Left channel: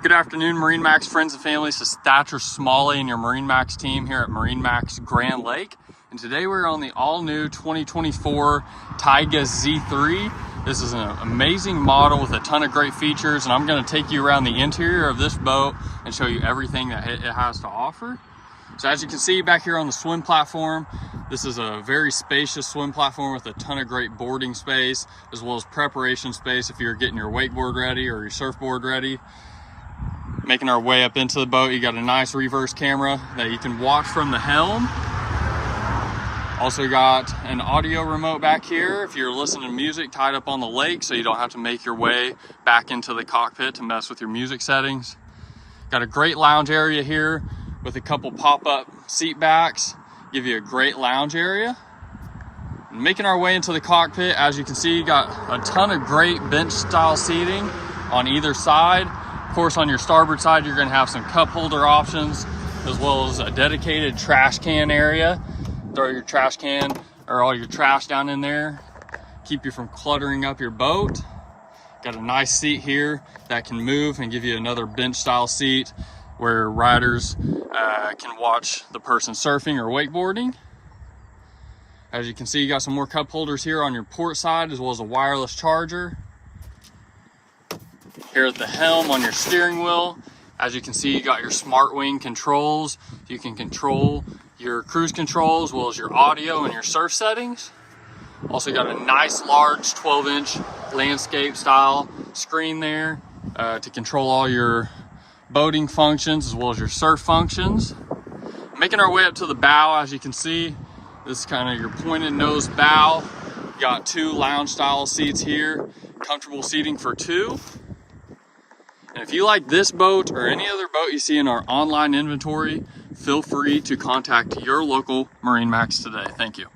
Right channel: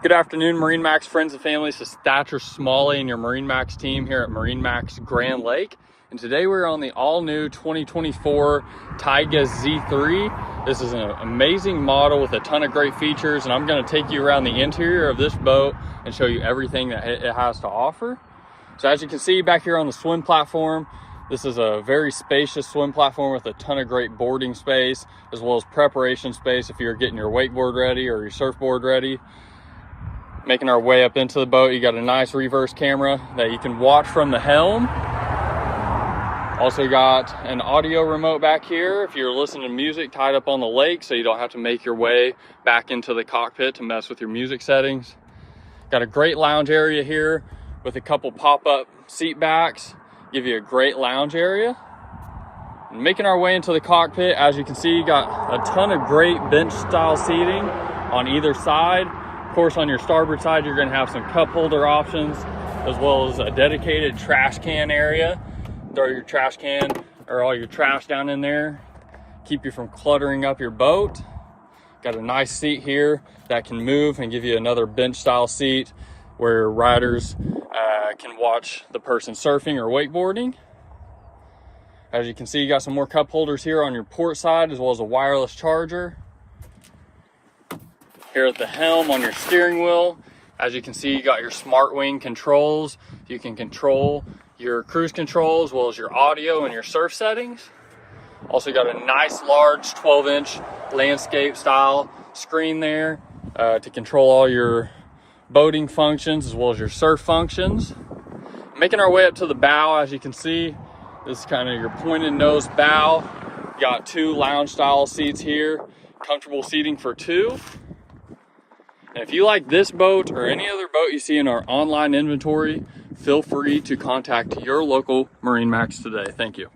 Good afternoon, MarineMax friends and family. This is Thatcher Smalley and your MarineMax team here at MarineMax Grand Lake. And today we're on the all-new 2024 Tige Z3. This is an amazing model with a ton of great features, and I'm going to take you around the interior of this boat and show you everything that it has to offer. So as you can see back here on the swim platform, this is a very spacious swim platform with a ton of great boarding space, as well as preparation space if you're getting your wakeboard ready or your surfboard ready. Making our way up into the boat, you got a nice reverse camera that you can watch from the helm. Also got an audio remote back here if you're listening to music tied up on the lake, so you don't have to make your way back into the cockpit to mess with your music settings. Got a great lounge area here with a couple pop-up seat backs, give you a great lounge area. And making our way into the cockpit, as you can see, you got a ton of great bench style seating on either side. Of course, on your starboard side, you're going to have some cup holder options, as well as a dedicated trash can area. Throw your trash can or all your trash down in there, keep you from cluttering up your boat. Got a nice seat here that can move and give you another bench style seat where riders can watch the person surfing or wakeboarding. As you can see, you got some more cup holders here on your port side, as well as a wireless charger. Here at the helm on your steering wheel, as you can see, you got your smart wing controls. You can control your cruise control as well as your audio and your surf settings. Also got a nice large 12-inch landscape style screen there to control all your boating functions as well as your surf functions. Making our way up to the bow, as you can see, this is kind of your pointed nose bow. You got two lounge style seats here, comfortable seating for two. And if you like this boat or any other boat you see in our online inventory, feel free to contact your local MarineMax today. Thank you.